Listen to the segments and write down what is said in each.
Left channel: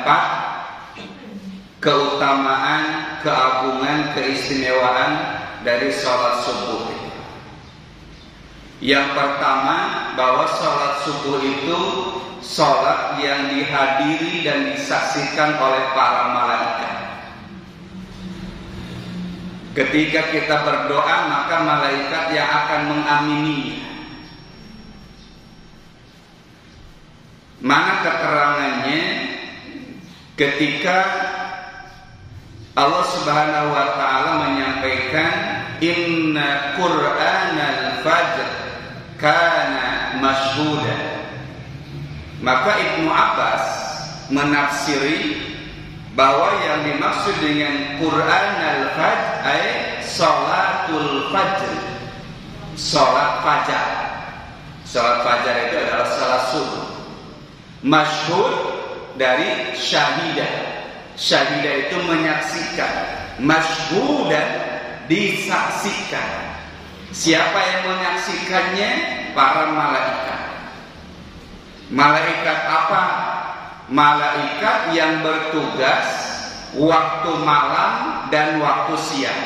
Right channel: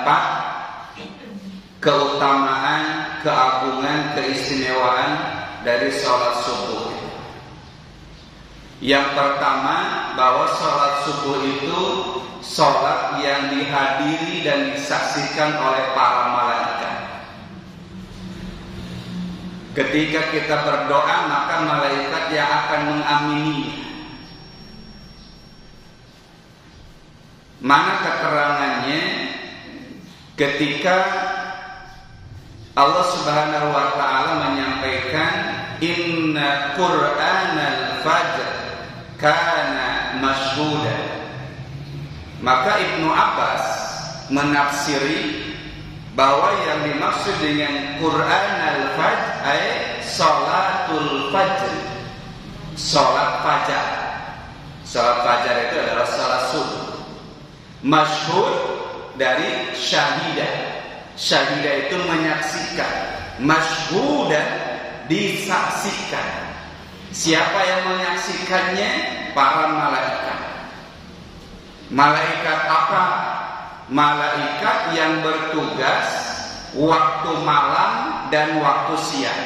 empat keutamaan, keagungan, keistimewaan dari sholat subuh. Yang pertama, bahwa sholat subuh itu sholat yang dihadiri dan disaksikan oleh para malaikat. Ketika kita berdoa, maka malaikat yang akan mengamininya. Mana keterangannya ketika Allah Subhanahu wa taala menyampaikan inna Qur'anal fajr kana mashhuda. Maka Ibnu Abbas menafsiri bahwa yang dimaksud dengan Qur'anal fajr ay salatul fajr, salat fajar. Salat fajar itu adalah salat subuh. Masyhud dari syahidah. Syahidah itu menyaksikan, masyhudan disaksikan. Siapa yang menyaksikannya? Para malaikat. Malaikat apa? Malaikat yang bertugas waktu malam dan waktu siang.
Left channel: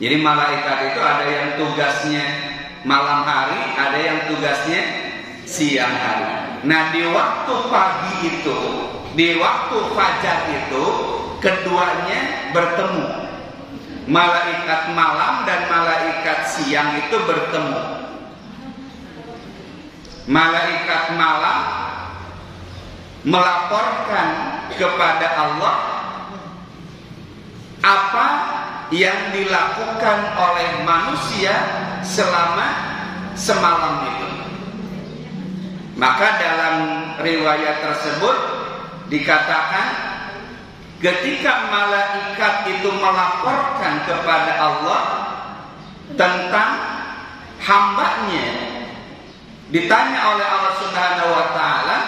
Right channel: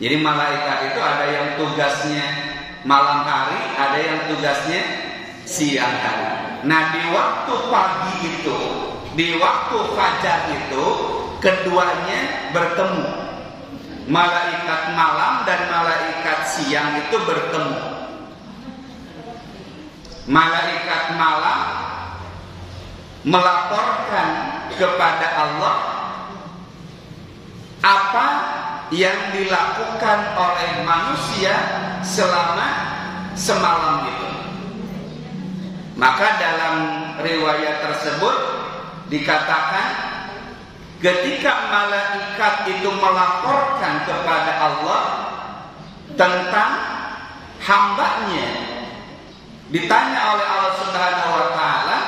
Jadi malaikat itu ada yang tugasnya malam hari, ada yang tugasnya siang hari. Nah, di waktu pagi itu, di waktu fajar itu, keduanya bertemu. Malaikat malam dan malaikat siang itu bertemu. Malaikat malam melaporkan kepada Allah apa yang dilakukan oleh manusia selama semalam itu. Maka dalam riwayat tersebut dikatakan ketika malaikat itu melaporkan kepada Allah tentang hambanya, ditanya oleh Allah Subhanahu wa taala,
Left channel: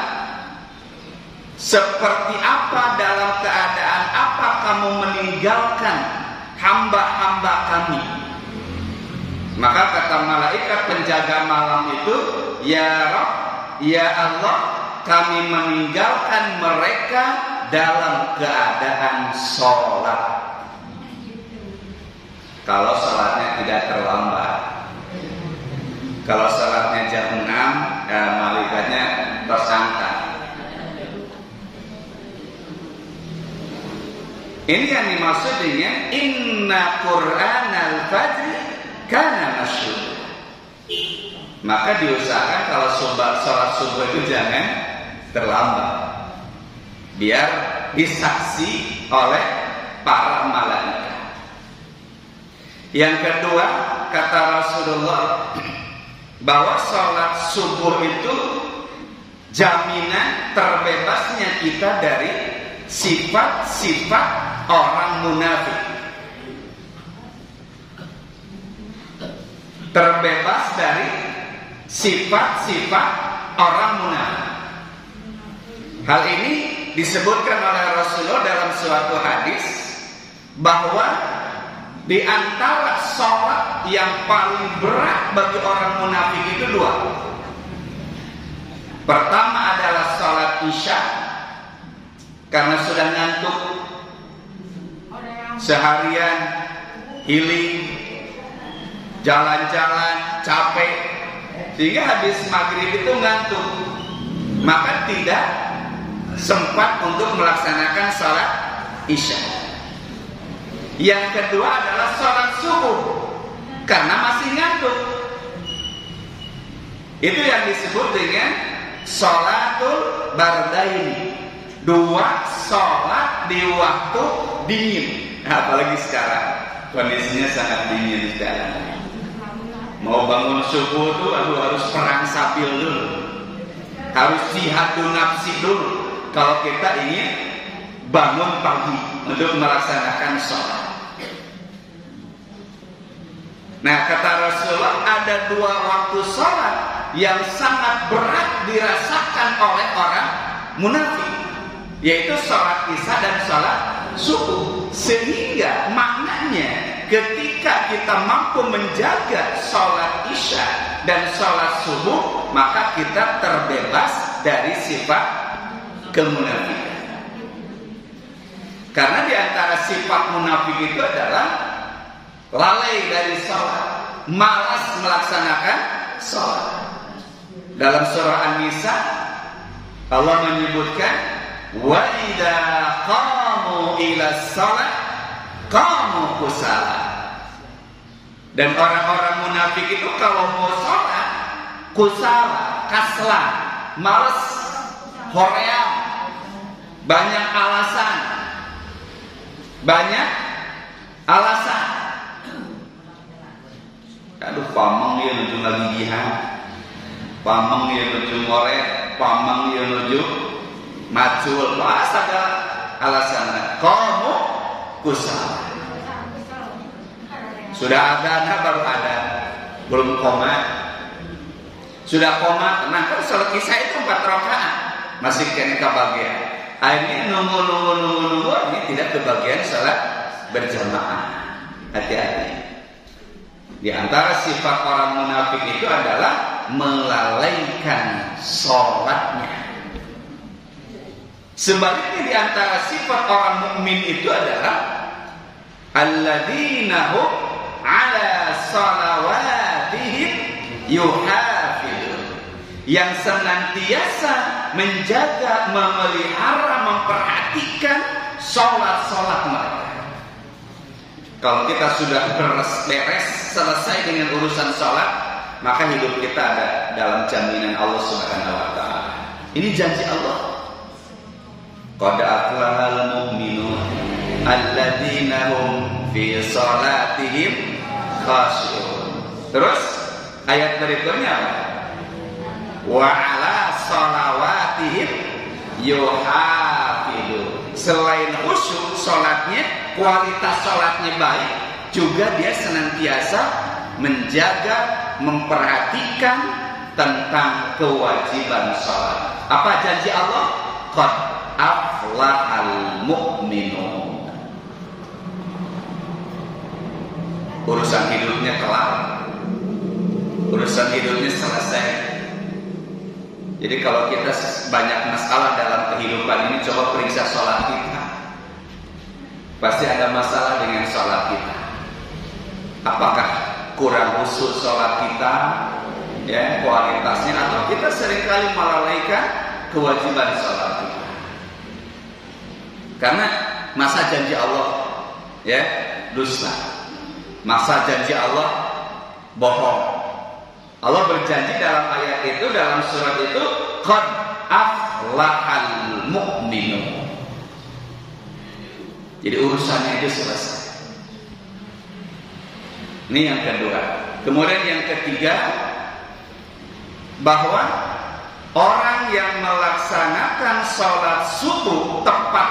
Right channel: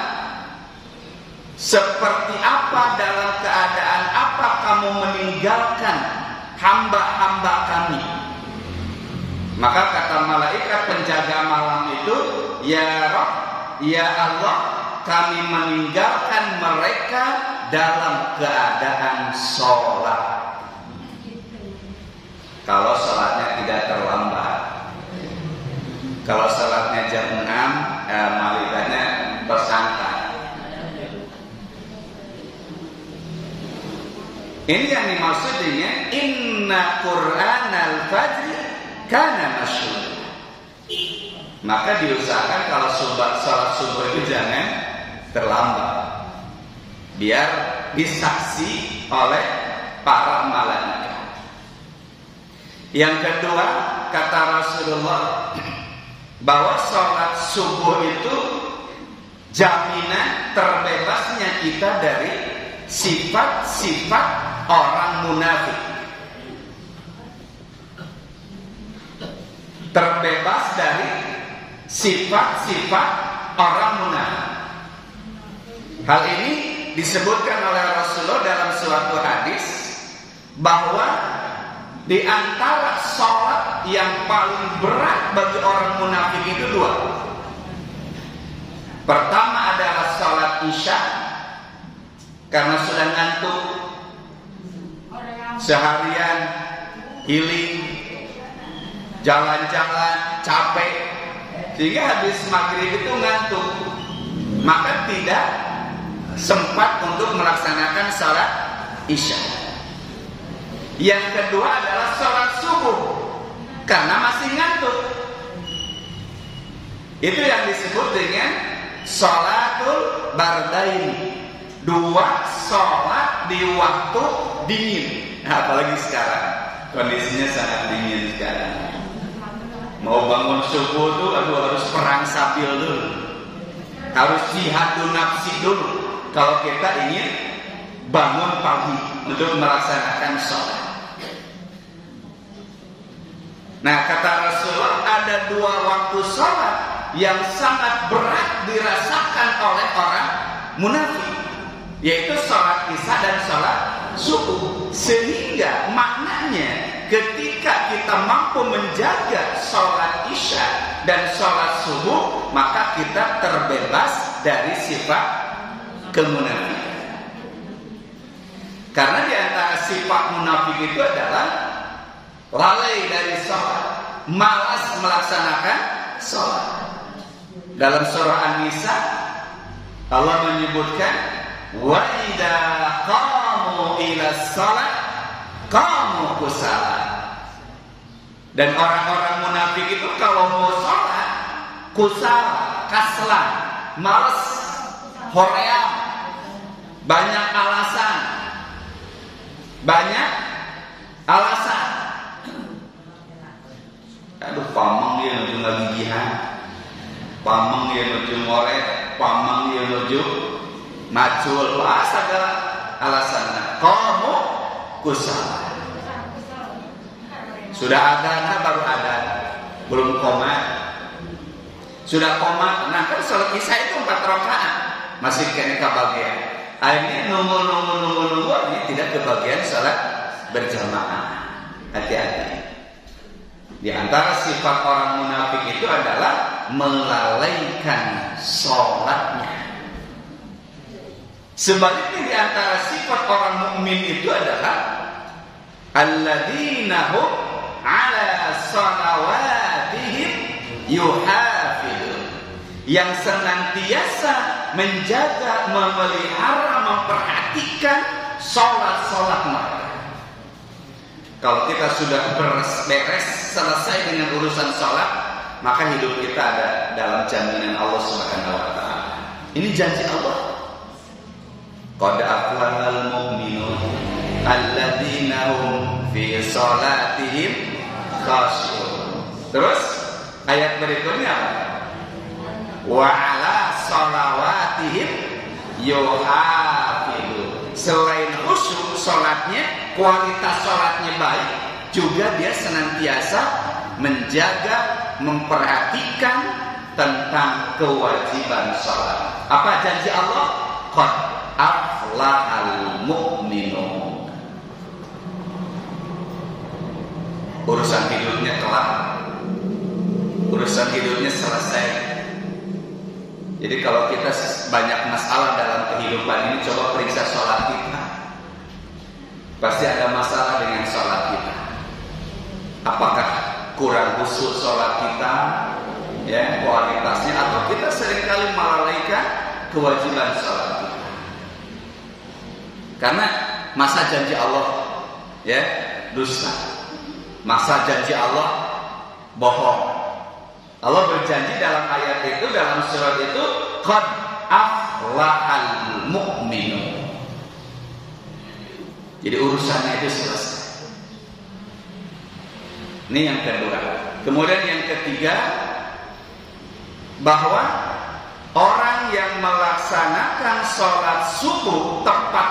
seperti apa dalam keadaan apa kamu meninggalkan hamba-hamba kami? Maka kata malaikat penjaga malam itu, ya Rabb, ya Allah, kami meninggalkan mereka dalam keadaan sholat. Kalau sholatnya tidak terlambat. Kalau sholatnya jam 6, malaikatnya tersangka. Ini yang dimaksud dengan inna Qur'anal fajri kana mashhuda. Maka diusahakan kalau sholat subuh itu jangan terlambat, biar disaksi oleh para malaikat. Yang kedua, kata Rasulullah, bahwa sholat subuh itu jaminan terbebasnya kita dari sifat-sifat orang munafik. Terbebas dari sifat-sifat orang munafik. Hal ini disebutkan oleh Rasulullah dalam suatu hadis bahwa di antara sholat yang paling berat bagi orang munafik itu dua. Pertama adalah sholat isya, karena sudah ngantuk, seharian healing, jalan-jalan, capek, sehingga habis maghrib itu ngantuk, maka tidak sempat untuk melaksanakan sholat isya. Yang kedua adalah sholat subuh, karena masih ngantuk. Itu yang disebut dengan sholatul bardaini, dua sholat di waktu dingin. Apalagi sekarang kondisinya sangat dingin sekarang. Mau bangun subuh tuh harus perang sabil dulu, harus jihadun nafsi dulu kalau kita ingin bangun pagi untuk melaksanakan sholat. Nah, kata Rasulullah, ada dua waktu sholat yang sangat berat dirasakan oleh orang munafik, yaitu sholat isya dan sholat subuh. Sehingga maknanya ketika kita mampu menjaga sholat isya dan sholat subuh, maka kita terbebas dari sifat kemunafikan. Karena di antara sifat munafik itu adalah lalai dari sholat, malas melaksanakan sholat. Dalam surah An-Nisa Allah menyebutkan wa idza qamu ila sholat qamu kusala. Dan orang-orang munafik itu kalau mau sholat kusala, kaslan, malas, hoream, banyak alasan. Aduh, pameng dia nuju ngagigihan, pameng dia nuju ngoret, pameng dia nuju macul, segala alasan. Kamu kusala. Sudah adzan baru adzan, belum qomat. Sudah qomat, nah kan salat isya itu 4 rakaat, masih kena kebagian. Akhirnya nunggu ini tidak kebagian salat berjamaah. Hati-hati. Di antara sifat orang munafik itu adalah melalaikan sholatnya. Sebaliknya di antara sifat orang mukmin itu adalah alladzina hum ala salawatihim yuhafizun, yang senantiasa menjaga, memelihara, memperhatikan sholat mereka. Kalau kita sudah beres selesai dengan urusan sholat, maka hidup kita ada dalam jaminan Allah Subhanahu wa ta'ala. Ini janji Allah. Qad aflahal mu'minun alladzina hum fi sholatihim khashi'un. Terus ayat berikutnya apa? Wa ala sholawatihim yuhafizun. Selain khusyuk sholatnya, kualitas sholatnya baik, juga dia senantiasa menjaga, memperhatikan tentang kewajiban sholat. Apa janji Allah? Qad aflahal mu'minun. Urusan hidupnya kelar, urusan hidupnya selesai. Jadi kalau kita banyak masalah dalam kehidupan ini, coba periksa sholat kita. Pasti ada masalah dengan sholat kita. Apakah kurang khusyuk sholat kita, ya, kualitasnya, atau kita seringkali melalaikan kewajiban sholat kita. Karena masa janji Allah, ya, dusta. Masa janji Allah bohong. Allah berjanji dalam ayat itu, dalam surat itu, qad aflahal mu'minun. Jadi urusannya itu selesai. Ini yang kedua. Kemudian yang ketiga, bahwa orang yang melaksanakan sholat subuh tepat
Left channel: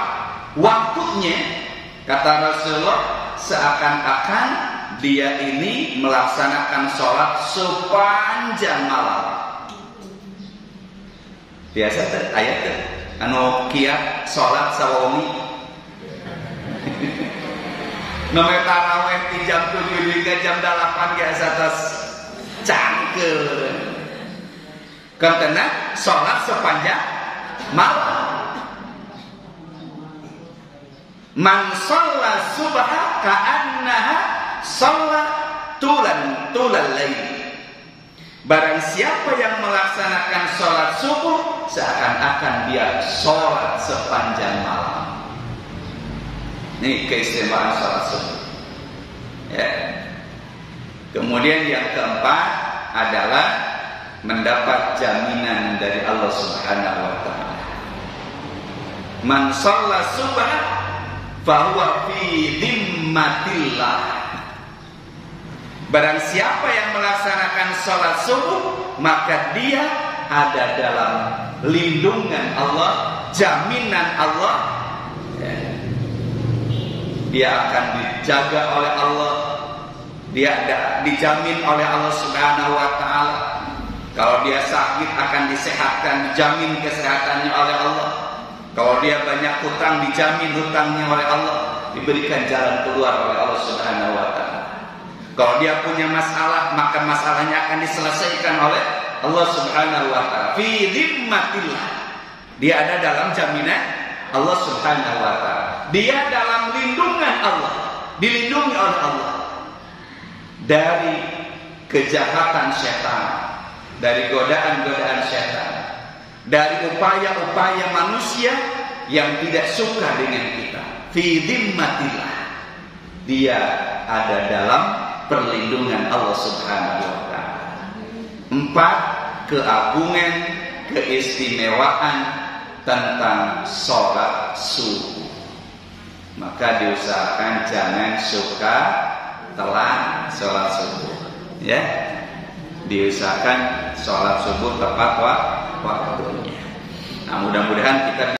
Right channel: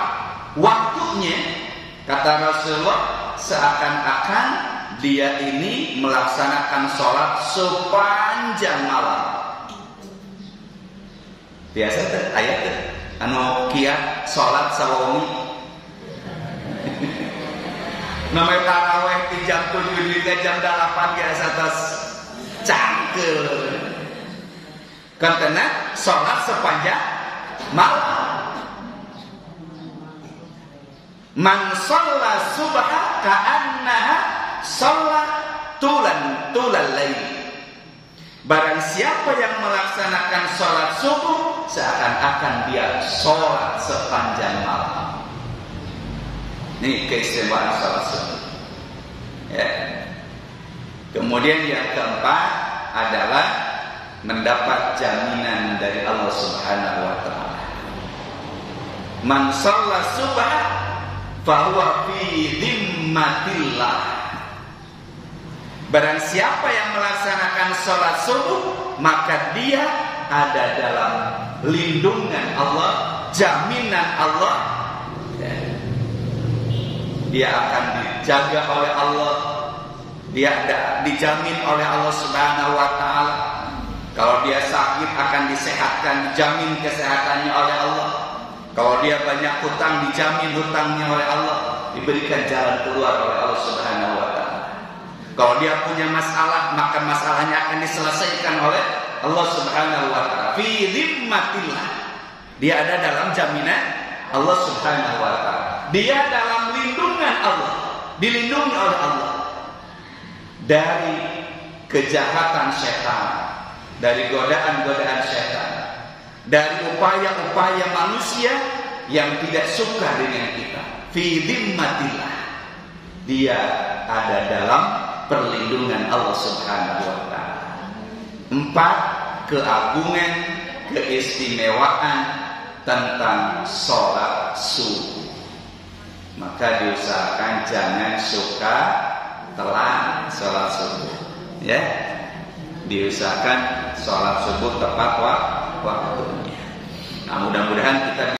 waktunya, kata Rasulullah, seakan-akan dia ini melaksanakan sholat sepanjang malam. Biasa tuh ayat tuh, anu kiat sholat sawomi. Nomor taraweh di jam 7 hingga jam 8 biasa atas cangkel. Kentena sholat sepanjang malam. Man shalla subha ka'annaha shalla tulal lail. Barang siapa yang melaksanakan sholat subuh, seakan-akan dia sholat sepanjang malam. Ini keistimewaan sholat subuh, ya. Kemudian yang keempat adalah mendapat jaminan dari Allah Subhanahu wa ta'ala. Man shalla subha fahuwa fi dhimmatillah. Barang siapa yang melaksanakan sholat subuh, maka dia ada dalam lindungan Allah, jaminan Allah, ya. Dia akan dijaga oleh Allah, dia dijamin oleh Allah Subhanahu wa ta'ala. Kalau dia sakit akan disehatkan, dijamin kesehatannya oleh Allah. Kalau dia banyak hutang, dijamin hutangnya oleh Allah, diberikan jalan keluar oleh Allah Subhanahu wa ta'ala. Kalau dia punya masalah, maka masalahnya akan diselesaikan oleh Allah Subhanahu wa ta'ala. Fi dhimmatillah. Dia ada dalam jaminan Allah Subhanahu wa ta'ala. dia dalam lindungan Allah, dilindungi oleh Allah dari kejahatan setan, dari godaan-godaan setan, dari upaya-upaya manusia yang tidak suka dengan kita. Fi dhimmatillah, dia ada dalam perlindungan Allah Subhanahu wa taala. 4, keagungan, keistimewaan tentang sholat subuh. Maka diusahakan jangan suka telat sholat subuh, ya. Diusahakan sholat subuh tepat waktunya. Nah, mudah-mudahan kita